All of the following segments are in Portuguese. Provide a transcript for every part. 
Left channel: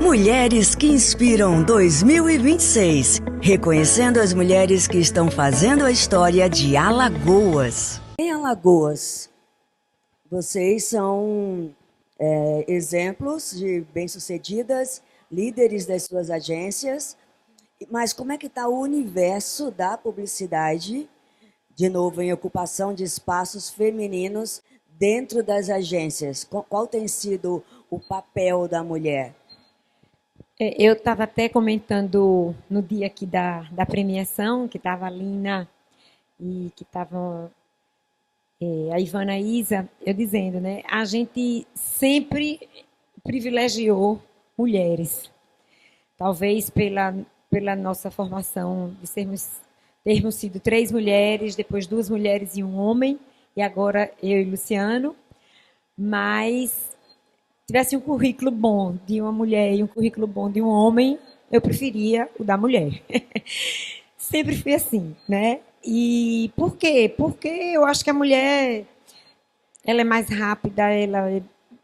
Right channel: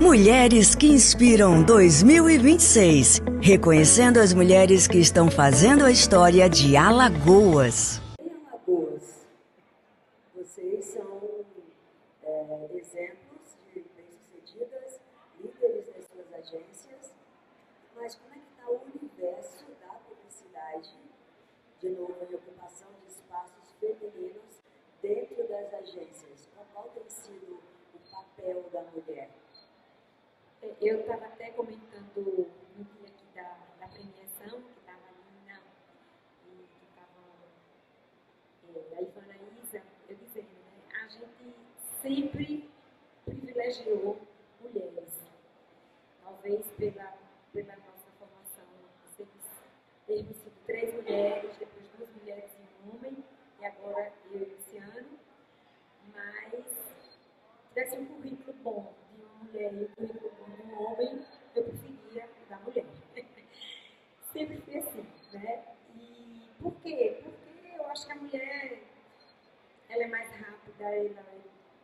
Mulheres que Inspiram 2026, reconhecendo as mulheres que estão fazendo a história de Alagoas. Em Alagoas, vocês são exemplos de bem-sucedidas, líderes das suas agências, mas como é que está o universo da publicidade, de novo, em ocupação de espaços femininos dentro das agências? Qual tem sido o papel da mulher? Eu estava até comentando no dia aqui da premiação, que estava a Lina e que estavam a Ivana e Isa, eu dizendo, né? A gente sempre privilegiou mulheres. Talvez pela nossa formação de termos sido 3 mulheres, depois 2 mulheres e um homem, e agora eu e Luciano, mas tivesse um currículo bom de uma mulher e um currículo bom de um homem, eu preferia o da mulher. Sempre fui assim, né? E por quê? Porque eu acho que a mulher ela é mais rápida, ela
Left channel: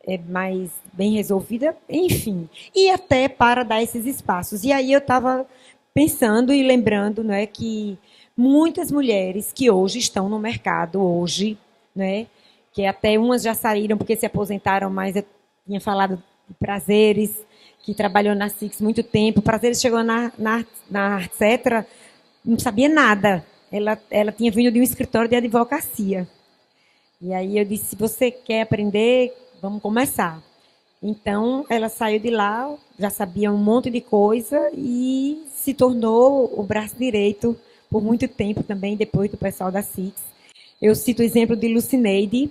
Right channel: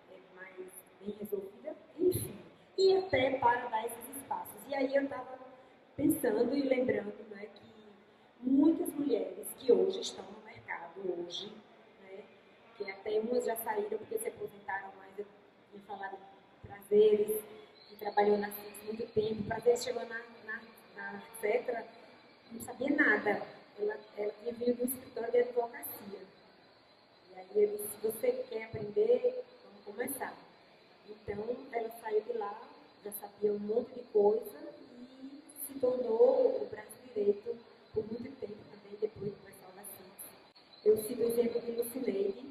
é mais bem resolvida, enfim. E até para dar esses espaços. E aí eu estava pensando e lembrando, né, que muitas mulheres que hoje estão no mercado, hoje, né, que até umas já saíram porque se aposentaram, mas eu tinha falado de Prazeres, que trabalhou na Six muito tempo. Prazeres chegou na Artcetra, não sabia nada. Ela tinha vindo de um escritório de advocacia. E aí eu disse, se você quer aprender, vamos começar. Então, ela saiu de lá, já sabia um monte de coisa e se tornou o braço direito por muito tempo também, depois do pessoal da Six. Eu cito o exemplo de Lucineide,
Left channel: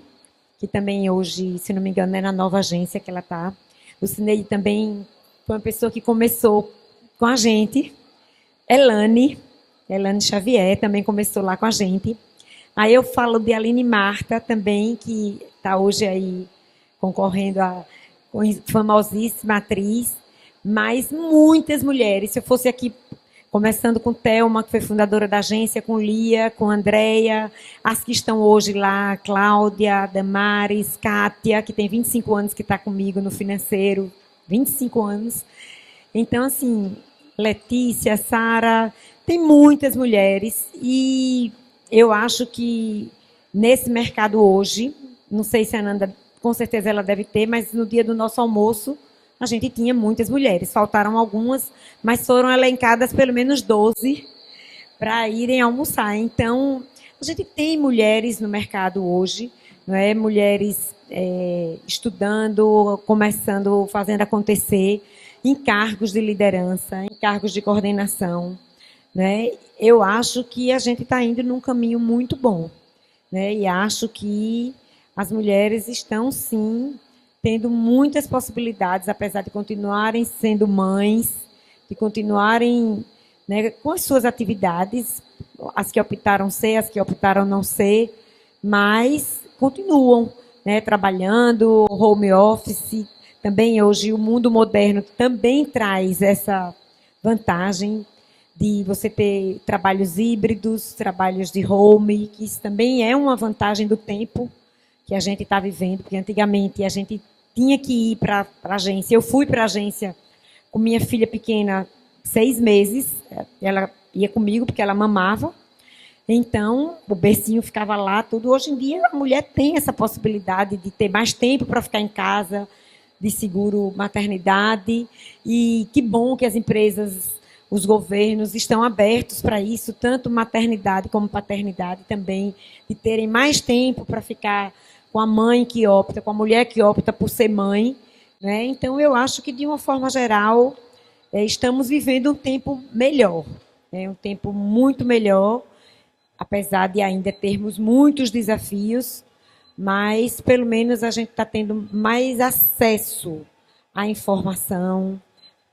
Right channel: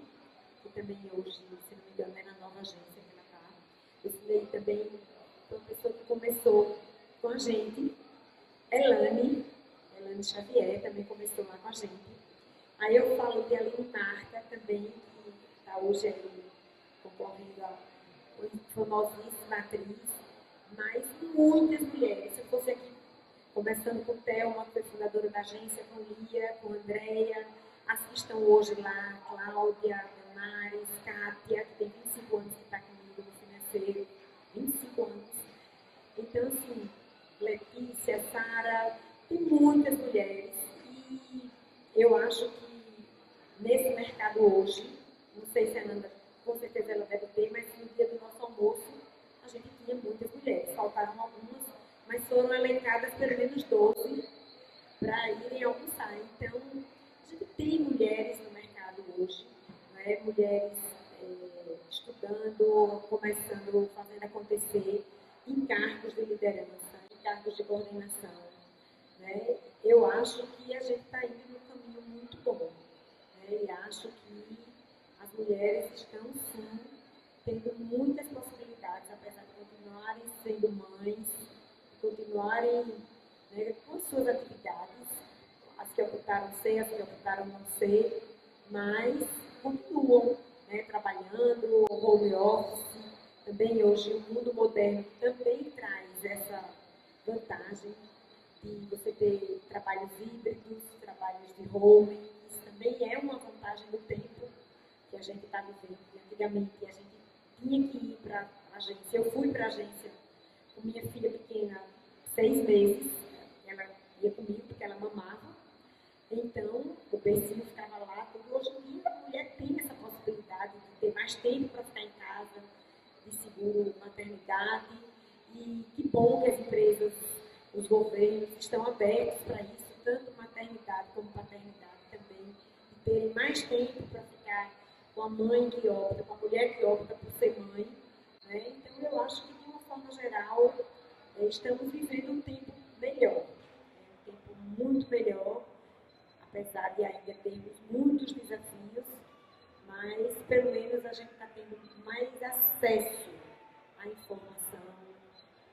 que também hoje, se não me engano, é na nova agência que ela está. Lucineide também foi uma pessoa que começou com a gente. Elane Xavier também começou lá com a gente. Aí eu falo de Aline Marta também, que está hoje aí concorrendo a famosíssima atriz, mas muitas mulheres. Se eu fosse aqui, começando com Thelma, que foi fundadora da agência, com Lia, com Andréia, as que estão hoje lá, Cláudia, Damares, Kátia, que tem 25 anos que está comigo no financeiro, 25 anos. Então, assim, Letícia, Sara, tem muitas mulheres e eu acho que nesse mercado hoje, não sei se a Ananda, com certeza ela deve ter, mas no dia do nosso almoço a gente tinha muitas mulheres. Faltaram algumas, mas foram elencadas pelo menos 12 para irem almoçar. Então, a gente tem mulheres no mercado hoje, não é? Mulheres estudando, começando, fazendo acontecer, em cargos de liderança, em cargos de coordenação, né? Eu acho que a gente está indo num caminho muito bom, né? E acho que as mulheres estão, sim, tendo muitas possibilidades, apesar de continuarem sendo mães, de continuarem, né, com as suas atividades, as que optaram ser, as que optaram não ser, mas continuam, né, trabalhando, home office. Também hoje o mundo moderno também traz essa vantagem de você ter trabalhos híbridos, trabalhos de home, que isso também é uma vantagem do tempo que a gente está vivendo, porque antigamente a gente tinha que ir para a agência. Eu fui para a agência com minha filha pequena 6 meses, ela ia comigo porque ela mamava, então o bercinho ficava lá, tudo. Hoje em dia a mulher tem essa possibilidade de ter mais tempo para ficar em casa, de seguro maternidade, e que bom que as empresas, os governos estão abertos para isso, tanto maternidade como paternidade também, de terem mais tempo para ficar com a mãe que opta, com a mulher que opta por ser mãe, né? Então, eu acho que, de uma forma geral, estamos vivendo um tempo melhor, né? Um tempo muito melhor, apesar de ainda termos muitos desafios, mas pelo menos a gente está tendo mais acesso à informação,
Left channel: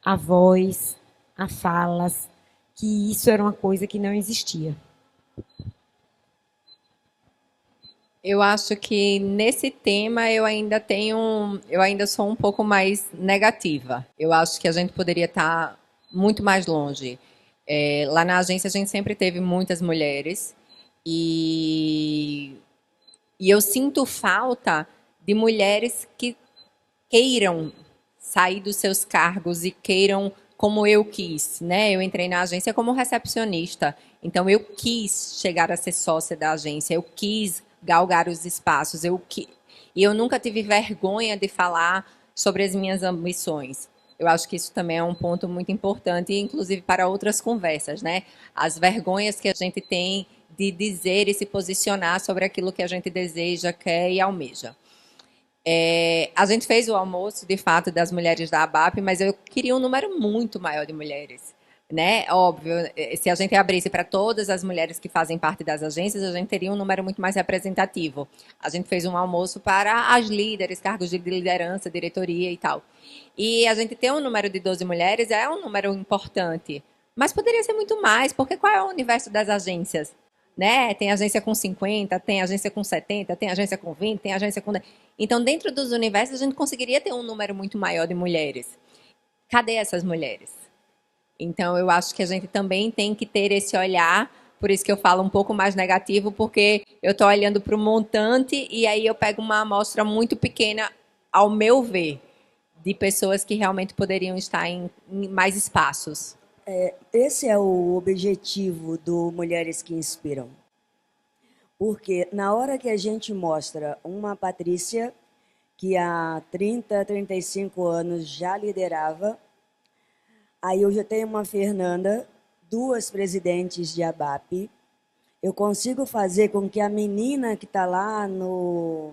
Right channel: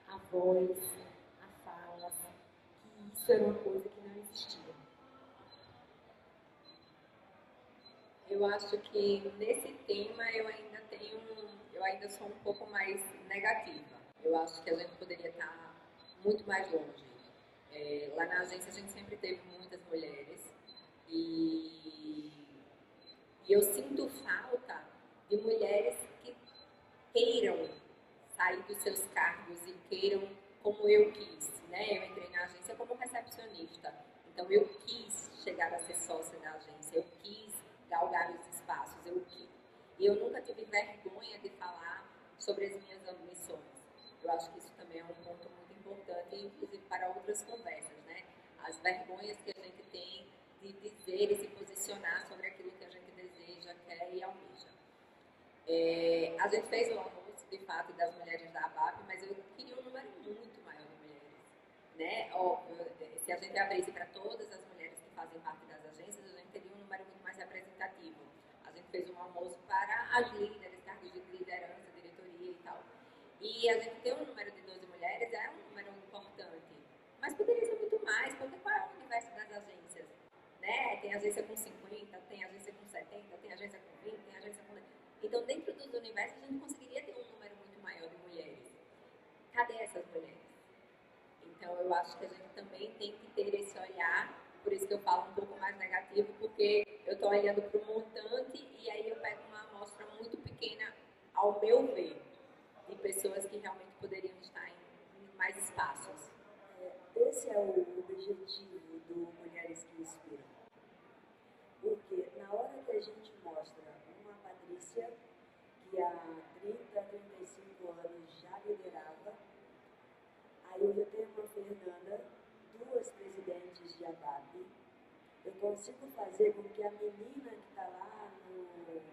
à voz, a falas, que isso era uma coisa que não existia. Eu acho que nesse tema eu ainda sou um pouco mais negativa. Eu acho que a gente poderia estar muito mais longe. Lá na agência a gente sempre teve muitas mulheres e, e eu sinto falta de mulheres que queiram sair dos seus cargos e queiram, como eu quis, né? Eu entrei na agência como recepcionista, então eu quis chegar a ser sócia da agência, eu quis galgar os espaços, e eu nunca tive vergonha de falar sobre as minhas ambições. Eu acho que isso também é um ponto muito importante, inclusive para outras conversas, né? As vergonhas que a gente tem de dizer e se posicionar sobre aquilo que a gente deseja, quer e almeja. A gente fez o almoço, de fato, das mulheres da ABAP, mas eu queria um número muito maior de mulheres, né? Óbvio, se a gente abrisse para todas as mulheres que fazem parte das agências, a gente teria um número muito mais representativo. A gente fez um almoço para as líderes, cargos de liderança, diretoria e tal. E a gente ter um número de 12 mulheres é um número importante, mas poderia ser muito mais, porque qual é o universo das agências? Né? Tem agência com 50, tem agência com 70, tem agência com 20, tem agência com 10. Então, dentro dos universos, a gente conseguiria ter um número muito maior de mulheres. Cadê essas mulheres? Então, eu acho que a gente também tem que ter esse olhar, por isso que eu falo um pouco mais negativo, porque eu estou olhando para o montante e aí eu pego uma amostra muito pequena, ao meu ver, de pessoas que realmente poderiam estar em mais espaços. Esse é o objetivo do Mulheres que Inspiram. Porque na hora que a gente mostra uma Patrícia, que há 30, 35 anos já liderava, aí eu já tenho uma Fernanda, 2 presidentes de ABAP, eu consigo fazer com que a menina que está lá no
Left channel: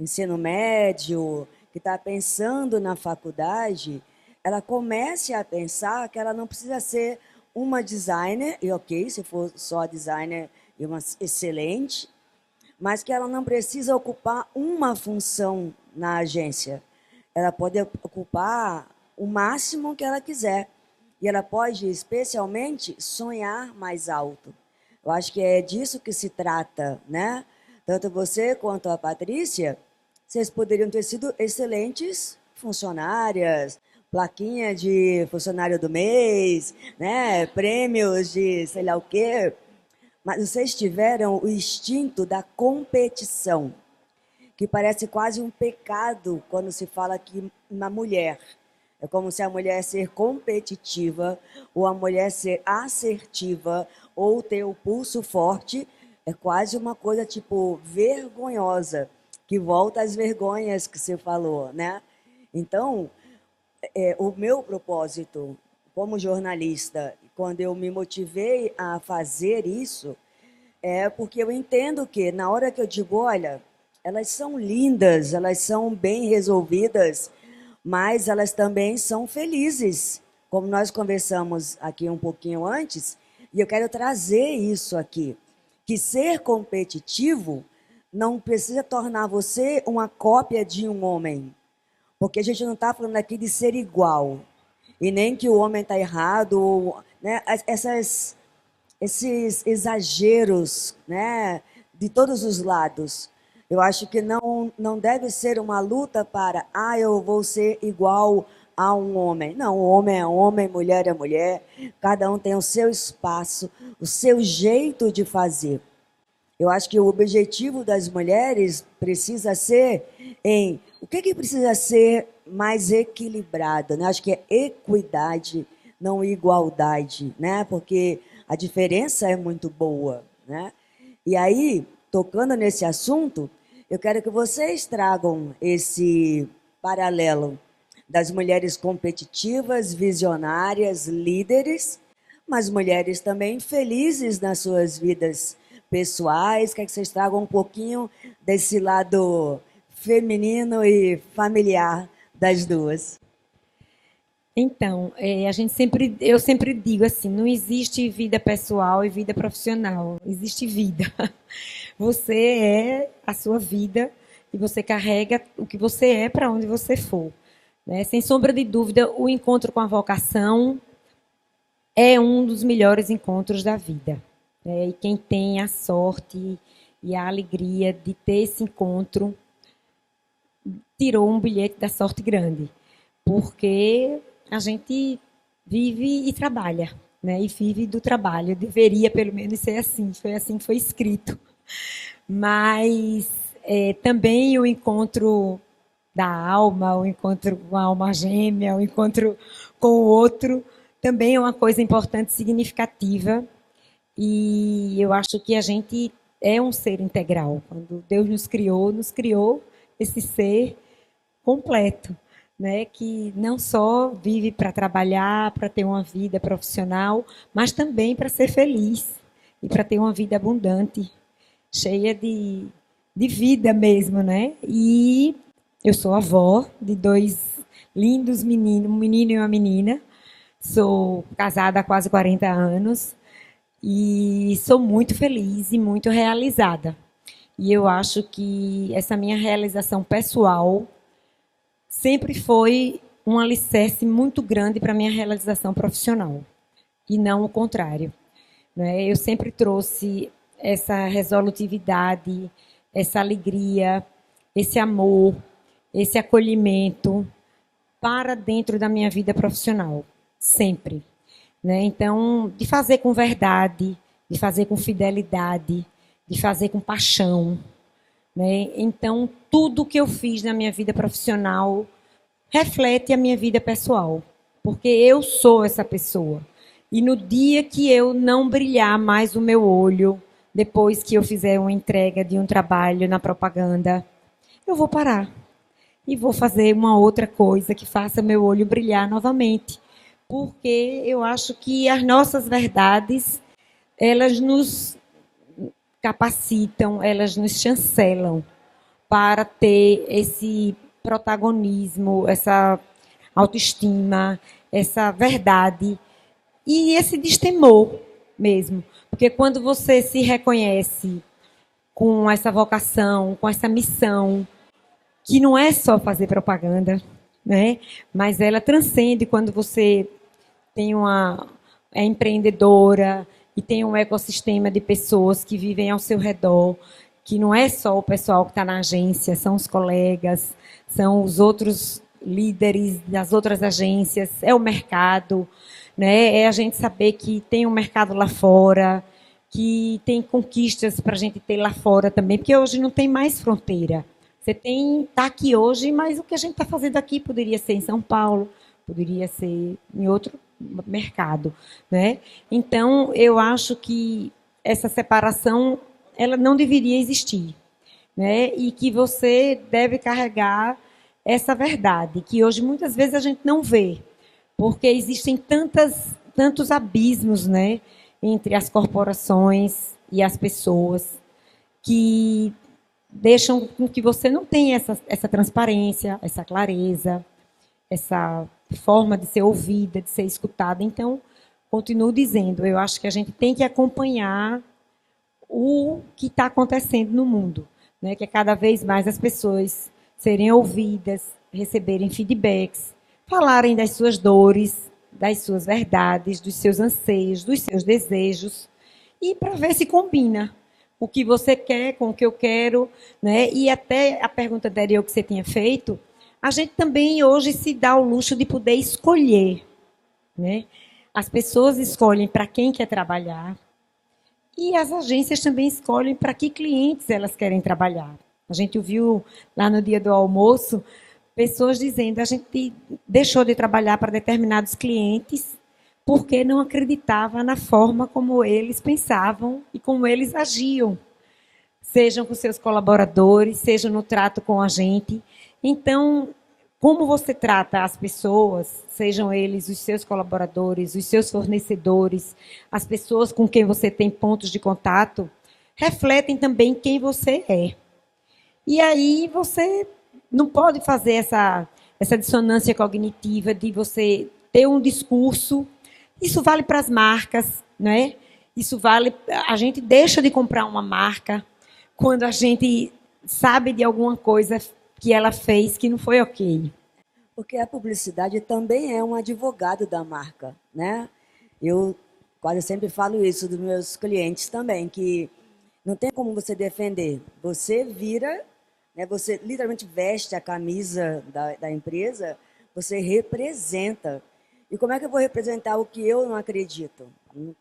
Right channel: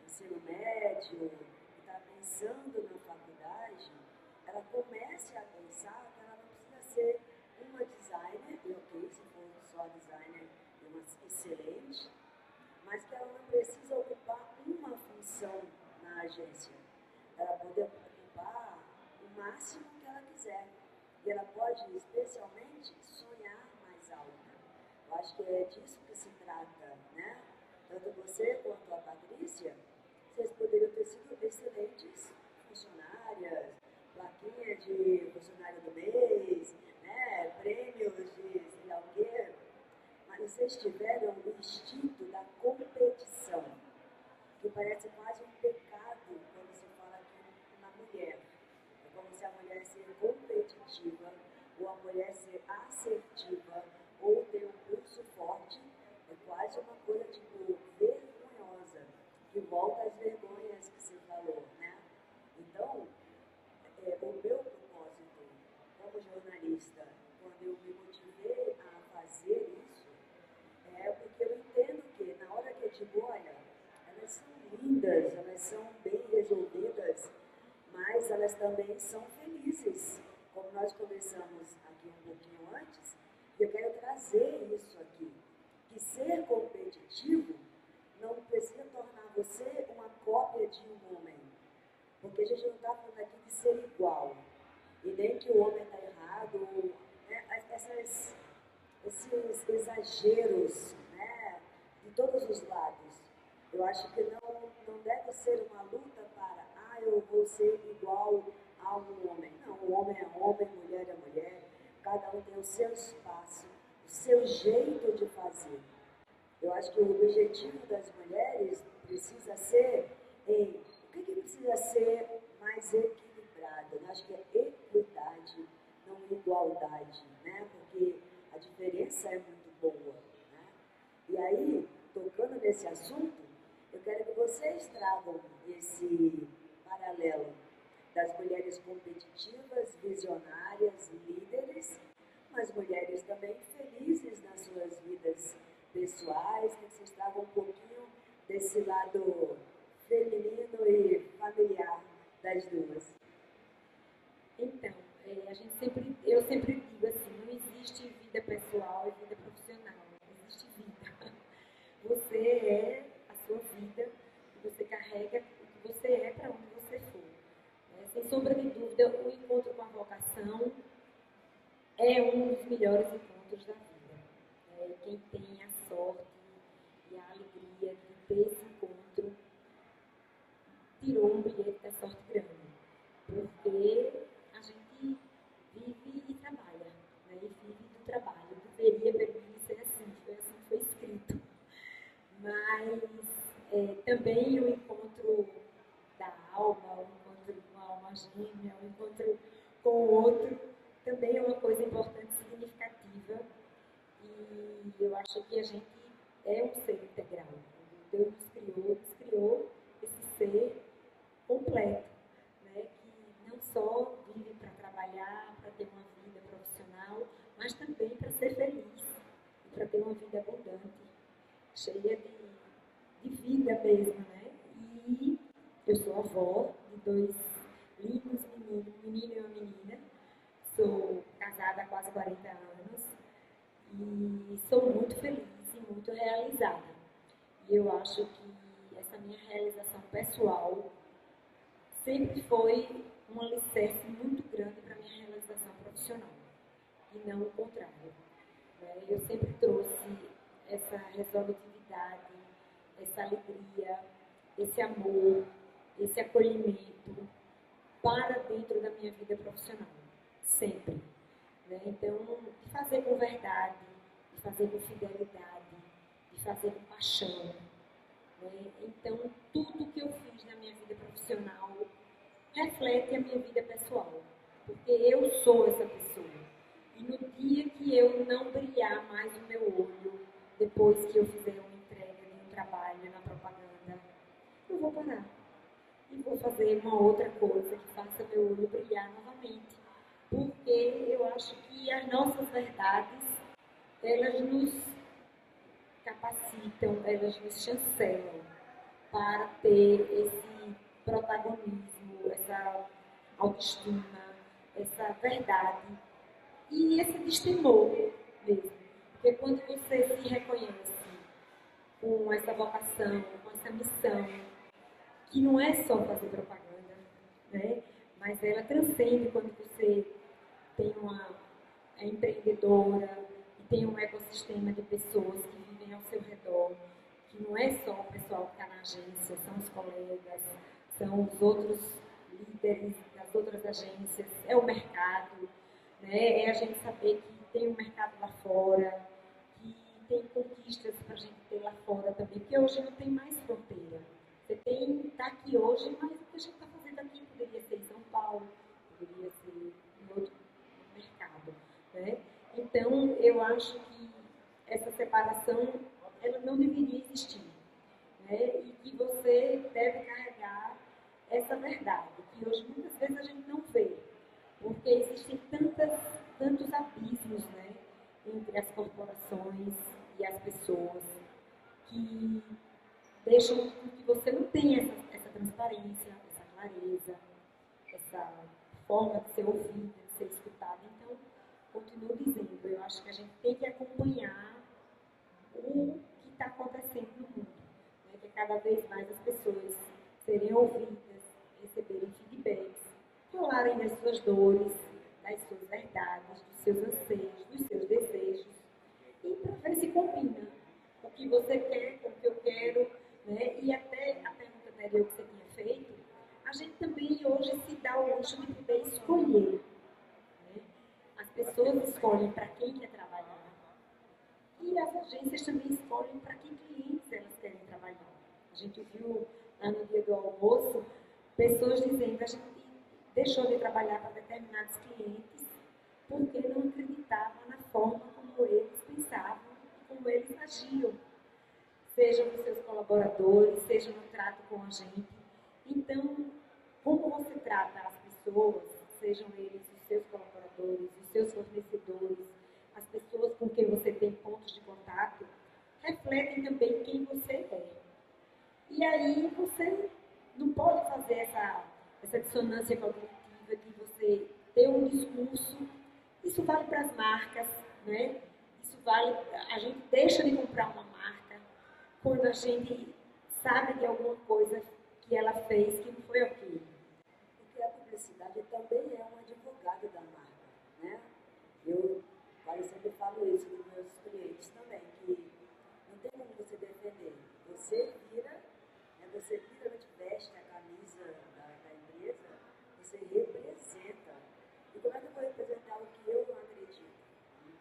ensino médio, que está pensando na faculdade, ela comece a pensar que ela não precisa ser uma designer, e ok, se for só designer, é uma excelente, mas que ela não precisa ocupar uma função na agência. Ela pode ocupar o máximo que ela quiser. E ela pode, especialmente, sonhar mais alto. Eu acho que é disso que se trata, né? Tanto você quanto a Patrícia, vocês poderiam ter sido excelentes funcionárias, plaquinha de funcionário do mês, né? Prêmios de sei lá o quê. Mas vocês tiveram o instinto da competição, que parece quase um pecado quando se fala que uma mulher. É como se a mulher ser competitiva, ou a mulher ser assertiva, ou ter o pulso forte, é quase uma coisa tipo vergonhosa, que volta às vergonhas que você falou, né? Então, o meu propósito como jornalista, quando eu me motivei a fazer isso, é porque eu entendo que na hora que eu digo, olha, elas são lindas, elas são bem resolvidas, mas elas também são felizes, como nós conversamos aqui um pouquinho antes, e eu quero trazer isso aqui, que ser competitivo não precisa tornar você uma cópia de um homem, porque a gente não está falando aqui de ser igual, e nem que o homem está errado, né? Esses exageros, né, de todos os lados. Eu acho que não deve ser uma luta para, eu vou ser igual a um homem. Não, o homem é homem, mulher é mulher, cada um tem o seu espaço, o seu jeito de fazer. Eu acho que o objetivo das mulheres precisa ser o que precisa ser mais equilibrado, né? Acho que é equidade, não igualdade, né? Porque a diferença é muito boa, né? E aí, tocando nesse assunto, eu quero que vocês tragam esse paralelo das mulheres competitivas, visionárias, líderes, mas mulheres também felizes nas suas vidas pessoais. Quero que vocês tragam um pouquinho desse lado feminino e familiar das duas. Então, eu sempre digo assim, não existe vida pessoal e vida profissional, existe vida. Você é a sua vida e você carrega o que você é para onde você for, né? Sem sombra de dúvida, o encontro com a vocação é um dos melhores encontros da vida, né? E quem tem a sorte e a alegria de ter esse encontro tirou um bilhete da sorte grande, porque a gente vive e trabalha, né? E vive do trabalho. Deveria, pelo menos, ser assim. Foi assim que foi escrito. Mas também o encontro da alma, o encontro com a alma gêmea, o encontro com o outro, também é uma coisa importante, significativa. E eu acho que a gente é um ser integral. Quando Deus nos criou esse ser completo, né? Que não só vive para trabalhar, para ter uma vida profissional, mas também para ser feliz e para ter uma vida abundante, cheia de vida mesmo, né? E eu sou avó de dois lindos meninos, um menino e uma menina. Sou casada há quase 40 anos e sou muito feliz e muito realizada. E eu acho que essa minha realização pessoal sempre foi um alicerce muito grande para a minha realização profissional, e não o contrário, né? Eu sempre trouxe essa resolutividade, essa alegria, esse amor, esse acolhimento para dentro da minha vida profissional, sempre, né? Então, de fazer com verdade, de fazer com fidelidade, de fazer com paixão, né? Então, tudo que eu fiz na minha vida profissional reflete a minha vida pessoal, porque eu sou essa pessoa. E no dia que eu não brilhar mais o meu olho, depois que eu fizer uma entrega de um trabalho na propaganda, eu vou parar e vou fazer uma outra coisa que faça meu olho brilhar novamente, porque eu acho que as nossas verdades, elas nos capacitam, elas nos chancelam para ter esse protagonismo, essa autoestima, essa verdade e esse destemor mesmo. Porque quando você se reconhece com essa vocação, com essa missão, que não é só fazer propaganda, né? Mas ela transcende quando você tem é empreendedora e tem um ecossistema de pessoas que vivem ao seu redor, que não é só o pessoal que está na agência, são os colegas, são os outros líderes das outras agências, é o mercado, né? É a gente saber que tem um mercado lá fora, que tem conquistas para a gente ter lá fora também, porque hoje não tem mais fronteira. Você está aqui hoje, mas o que a gente está fazendo aqui poderia ser em São Paulo, poderia ser em outro mercado, né? Então, eu acho que essa separação ela não deveria existir, né? E que você deve carregar essa verdade, que hoje muitas vezes a gente não vê, porque existem tantos abismos, né, entre as corporações e as pessoas que deixam com que você não tenha essa transparência, essa clareza, essa forma de ser ouvida, de ser escutada. Então, continuo dizendo, eu acho que a gente tem que acompanhar o que está acontecendo no mundo, né? Que é cada vez mais as pessoas serem ouvidas, receberem feedbacks, falarem das suas dores, das suas verdades, dos seus anseios, dos seus desejos, e para ver se combina o que você quer com o que eu quero, né? E até a pergunta anterior que você tinha feito, a gente também hoje se dá o luxo de poder escolher, né? As pessoas escolhem para quem quer trabalhar e as agências também escolhem para que clientes elas querem trabalhar. A gente ouviu lá no dia do almoço pessoas dizendo a gente deixou de trabalhar para determinados clientes porque não acreditava na forma como eles pensavam e como eles agiam, sejam com seus colaboradores, sejam no trato com a gente. Então, como você trata as pessoas, sejam eles os seus colaboradores, os seus fornecedores, as pessoas com quem você tem pontos de contato, refletem também quem você é. E aí você não pode fazer essa dissonância cognitiva de você ter um discurso. Isso vale para as marcas, né? Isso vale. A gente deixa de comprar uma marca quando a gente sabe de alguma coisa que ela fez que não foi ok. Porque a publicidade também é um advogado da marca, né? Eu quase sempre falo isso dos meus clientes também, que não tem como você defender. Você vira, né, você literalmente veste a camisa da empresa, você representa. E como é que eu vou representar o que eu não acredito?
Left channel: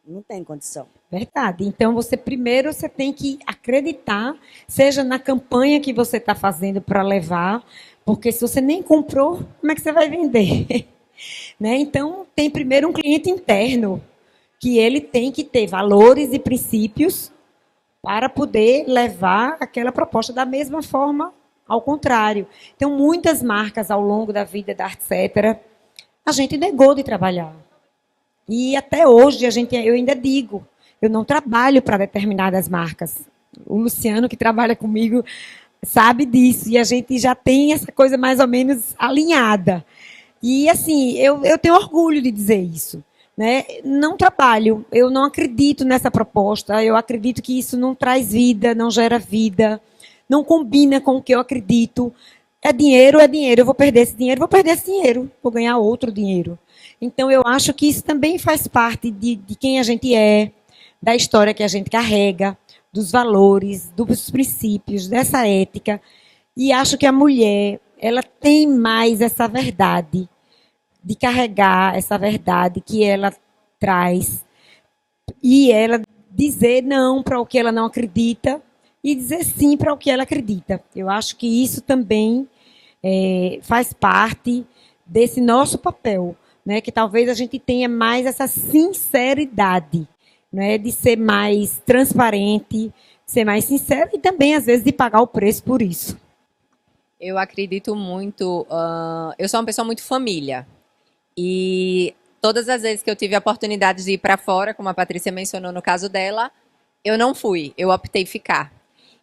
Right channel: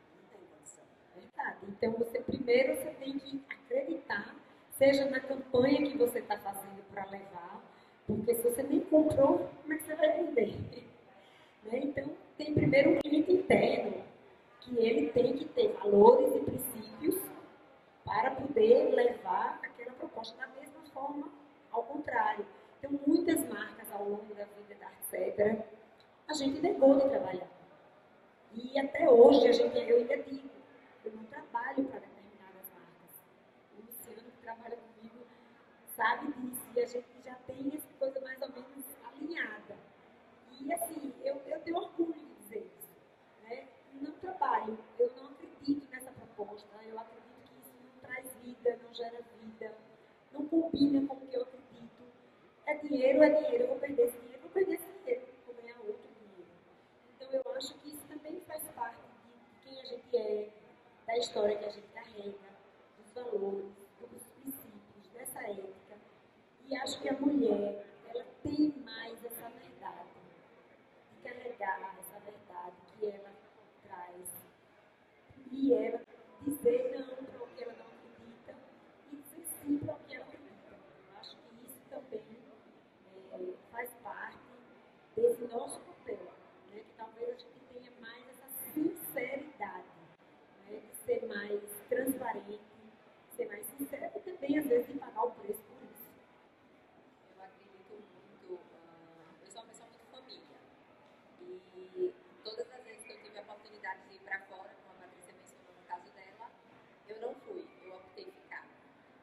Não tem condição. Verdade. Então, primeiro você tem que acreditar, seja na campanha que você está fazendo para levar, porque se você nem comprou, como é que você vai vender? Né? Então, tem primeiro um cliente interno, que ele tem que ter valores e princípios para poder levar aquela proposta da mesma forma, ao contrário. Então, muitas marcas ao longo da vida da Artcetera, a gente negou de trabalhar. E até hoje eu ainda digo, eu não trabalho para determinadas marcas. O Luciano, que trabalha comigo, sabe disso. E a gente já tem essa coisa mais ou menos alinhada. E, assim, eu tenho orgulho de dizer isso. Né? Não trabalho, eu não acredito nessa proposta, eu acredito que isso não traz vida, não gera vida, não combina com o que eu acredito. É dinheiro, eu vou perder esse dinheiro, vou ganhar outro dinheiro. Então, eu acho que isso também faz parte de quem a gente é, da história que a gente carrega, dos valores, dos princípios, dessa ética. E acho que a mulher, ela tem mais essa verdade, de carregar essa verdade que ela traz e ela dizer não para o que ela não acredita e dizer sim para o que ela acredita. Eu acho que isso também faz parte desse nosso papel, né? Que talvez a gente tenha mais essa sinceridade, né? De ser mais transparente, ser mais sincero e também, às vezes, de pagar o preço por isso. Eu acredito muito. Eu sou uma pessoa muito família. E todas as vezes que eu tive a oportunidade de ir para fora, como a Patrícia mencionou no caso dela, eu não fui, eu optei ficar.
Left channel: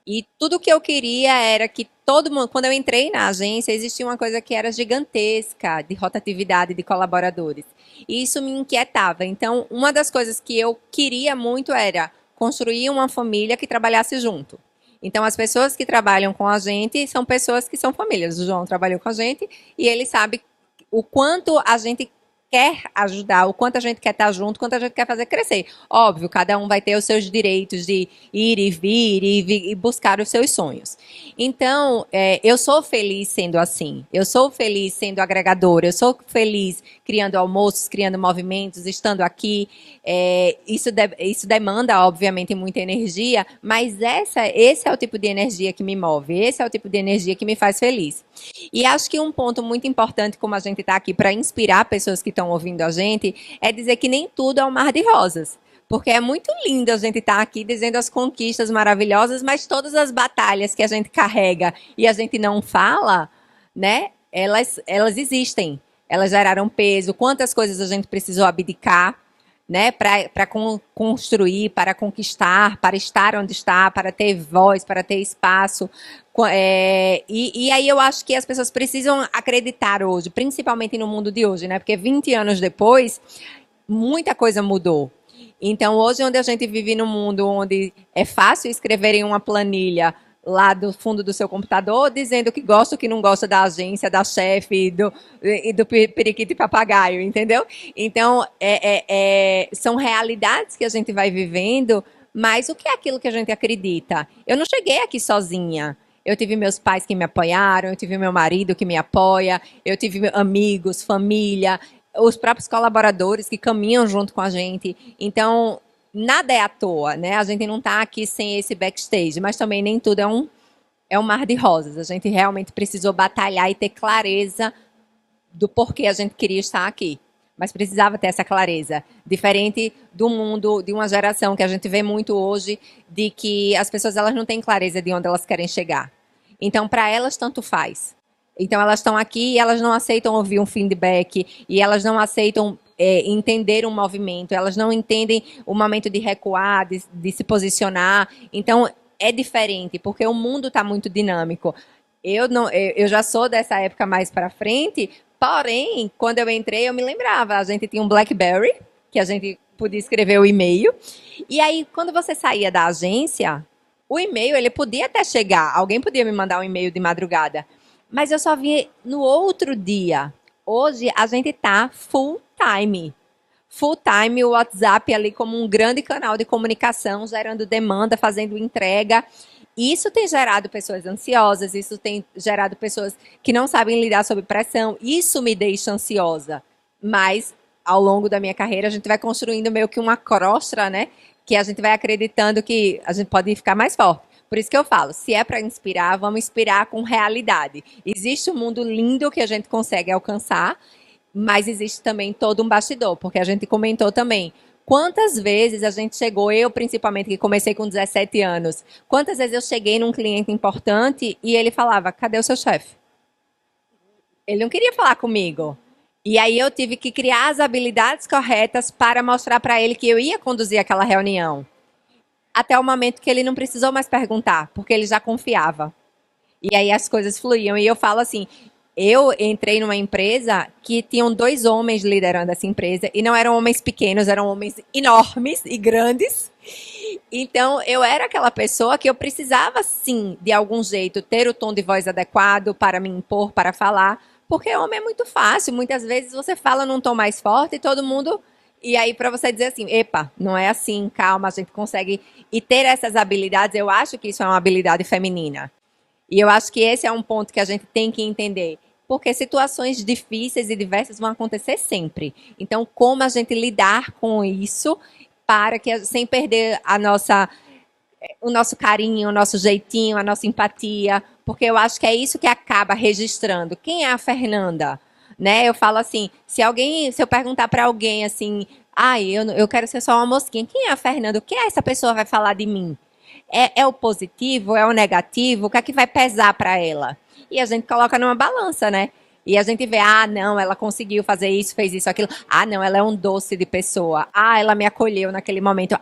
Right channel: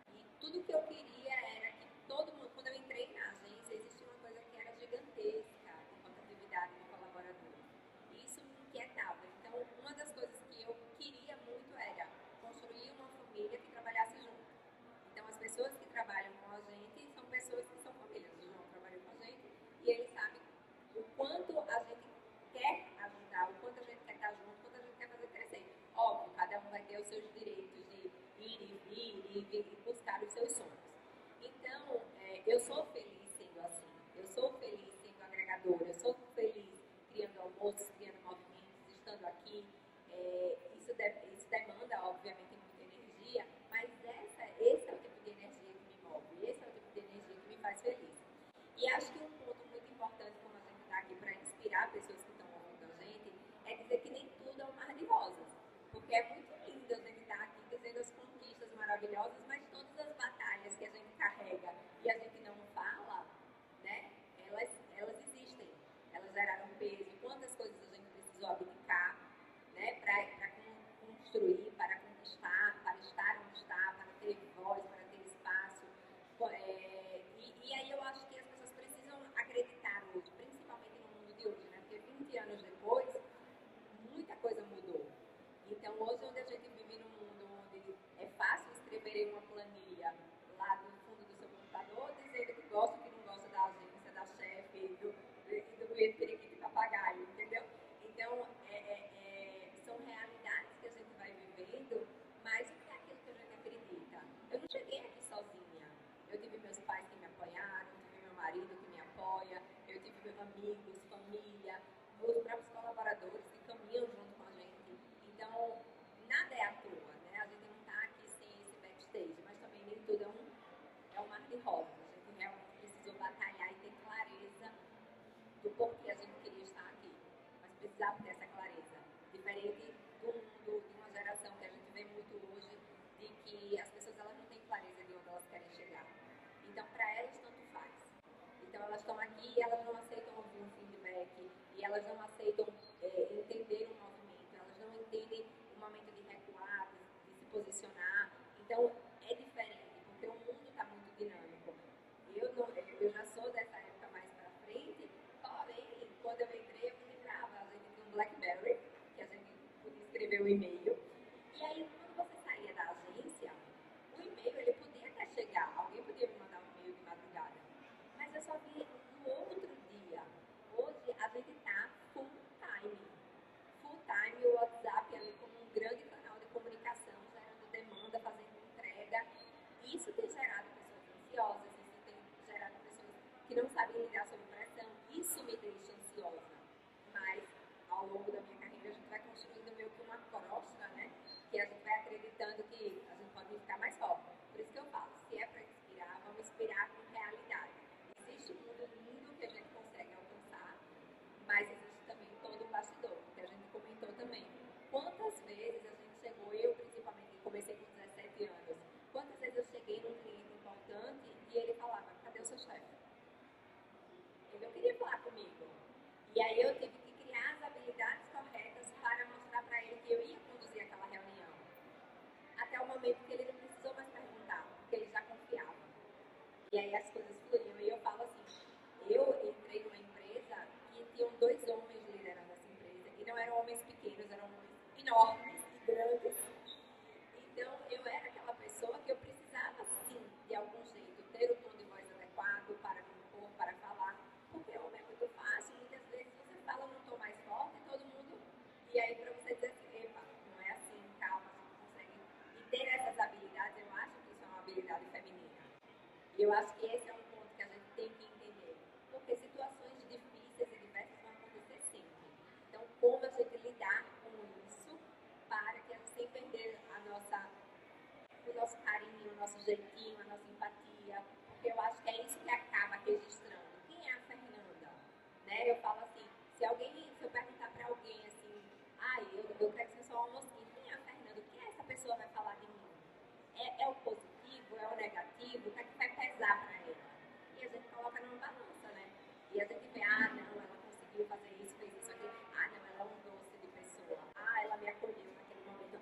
E tudo que eu queria era que todo mundo, quando eu entrei na agência, existia uma coisa que era gigantesca de rotatividade de colaboradores. E isso me inquietava. Então, uma das coisas que eu queria muito era construir uma família que trabalhasse junto. Então, as pessoas que trabalham com a gente são pessoas que são famílias. O João trabalhou com a gente e ele sabe o quanto a gente quer ajudar, o quanto a gente quer estar junto, o quanto a gente quer fazer crescer. Óbvio, cada um vai ter os seus direitos de ir e vir e buscar os seus sonhos. Então, eu sou feliz sendo assim. Eu sou feliz sendo agregadora. Eu sou feliz criando almoços, criando movimentos, estando aqui. Isso demanda, obviamente, muita energia, mas esse é o tipo de energia que me move. Esse é o tipo de energia que me faz feliz. E acho que um ponto muito importante, como a gente está aqui para inspirar pessoas que estão ouvindo a gente, é dizer que nem tudo é um mar de rosas. Porque é muito lindo a gente estar aqui dizendo as conquistas maravilhosas, mas todas as batalhas que a gente carrega e a gente não fala, né? Elas existem. Elas geraram peso. Quantas coisas a gente precisou abdicar, né? Para construir, para conquistar, para estar onde está, para ter voz, para ter espaço. E aí eu acho que as pessoas precisam acreditar hoje, principalmente no mundo de hoje, né? Porque 20 anos depois, muita coisa mudou. Então, hoje, onde a gente vive num mundo onde é fácil escrever em uma planilha lá do fundo do seu computador, dizendo que gosta ou que não gosta da agência, da chefe e do periquito e papagaio, entendeu? Então, são realidades que a gente vai vivendo, mas o que é aquilo que a gente acredita? Eu não cheguei aqui sozinha. Eu tive meus pais que me apoiaram, eu tive meu marido que me apoia, eu tive amigos, família, os próprios colaboradores que caminham junto com a gente. Então, nada é à toa, né? A gente não está aqui sem esse backstage, mas também nem tudo é um mar de rosas. A gente realmente precisou batalhar e ter clareza do porquê a gente queria estar aqui. Mas precisava ter essa clareza. Diferente do mundo, de uma geração que a gente vê muito hoje, de que as pessoas elas não têm clareza de onde elas querem chegar. Então, para elas, tanto faz. Então, elas estão aqui e elas não aceitam ouvir um feedback, e elas não aceitam entender um movimento, elas não entendem o momento de recuar, de se posicionar. Então, é diferente, porque o mundo está muito dinâmico. Eu já sou dessa época mais para frente, porém, quando eu entrei, eu me lembrava, a gente tinha um BlackBerry, que a gente podia escrever o e-mail, e aí, quando você saía da agência, o e-mail, ele podia até chegar, alguém podia me mandar um e-mail de madrugada, mas eu só vi no outro dia. Hoje, a gente está full time. Full time, o WhatsApp ali como um grande canal de comunicação, gerando demanda, fazendo entrega. Isso tem gerado pessoas ansiosas, isso tem gerado pessoas que não sabem lidar sob pressão. Isso me deixa ansiosa. Mas ao longo da minha carreira, a gente vai construindo meio que uma crosta, né? Que a gente vai acreditando que a gente pode ficar mais forte. Por isso que eu falo, se é para inspirar, vamos inspirar com realidade. Existe um mundo lindo que a gente consegue alcançar, mas existe também todo um bastidor, porque a gente comentou também. Quantas vezes a gente chegou, eu principalmente, que comecei com 17 anos, quantas vezes eu cheguei num cliente importante e ele falava, cadê o seu chefe? Ele não queria falar comigo. E aí eu tive que criar as habilidades corretas para mostrar para ele que eu ia conduzir aquela reunião. Até o momento que ele não precisou mais perguntar, porque ele já confiava. E aí as coisas fluíam. E eu falo assim, eu entrei numa empresa que tinham 2 homens liderando essa empresa, e não eram homens pequenos, eram homens enormes e grandes. Então, eu era aquela pessoa que eu precisava, sim, de algum jeito, ter o tom de voz adequado para me impor, para falar, porque homem é muito fácil. Muitas vezes você fala num tom mais forte e todo mundo... E aí, para você dizer assim, epa, não é assim, calma, a gente consegue... E ter essas habilidades, eu acho que isso é uma habilidade feminina. E eu acho que esse é um ponto que a gente tem que entender. Porque situações difíceis e diversas vão acontecer sempre. Então, como a gente lidar com isso para que, sem perder o nosso carinho, o nosso jeitinho, a nossa empatia, porque eu acho que é isso que acaba registrando. Quem é a Fernanda? Né? Eu falo assim, se eu perguntar para alguém assim, eu quero ser só uma mosquinha, quem é a Fernanda? O que essa pessoa vai falar de mim? É o positivo? É o negativo? O que é que vai pesar para ela? E a gente coloca numa balança, né? E a gente vê, não, ela conseguiu fazer isso, fez isso, aquilo. Não, ela é um doce de pessoa. Ela me acolheu naquele momento.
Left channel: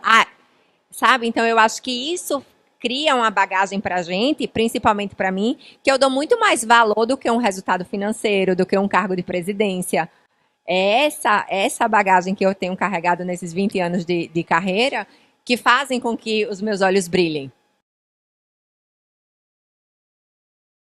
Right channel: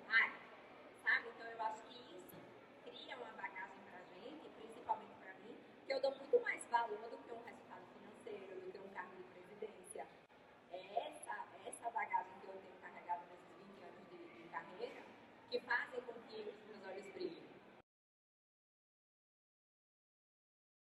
Sabe? Então, eu acho que isso cria uma bagagem para a gente, principalmente para mim, que eu dou muito mais valor do que um resultado financeiro, do que um cargo de presidência. É essa bagagem que eu tenho carregado nesses 20 anos de carreira que fazem com que os meus olhos brilhem.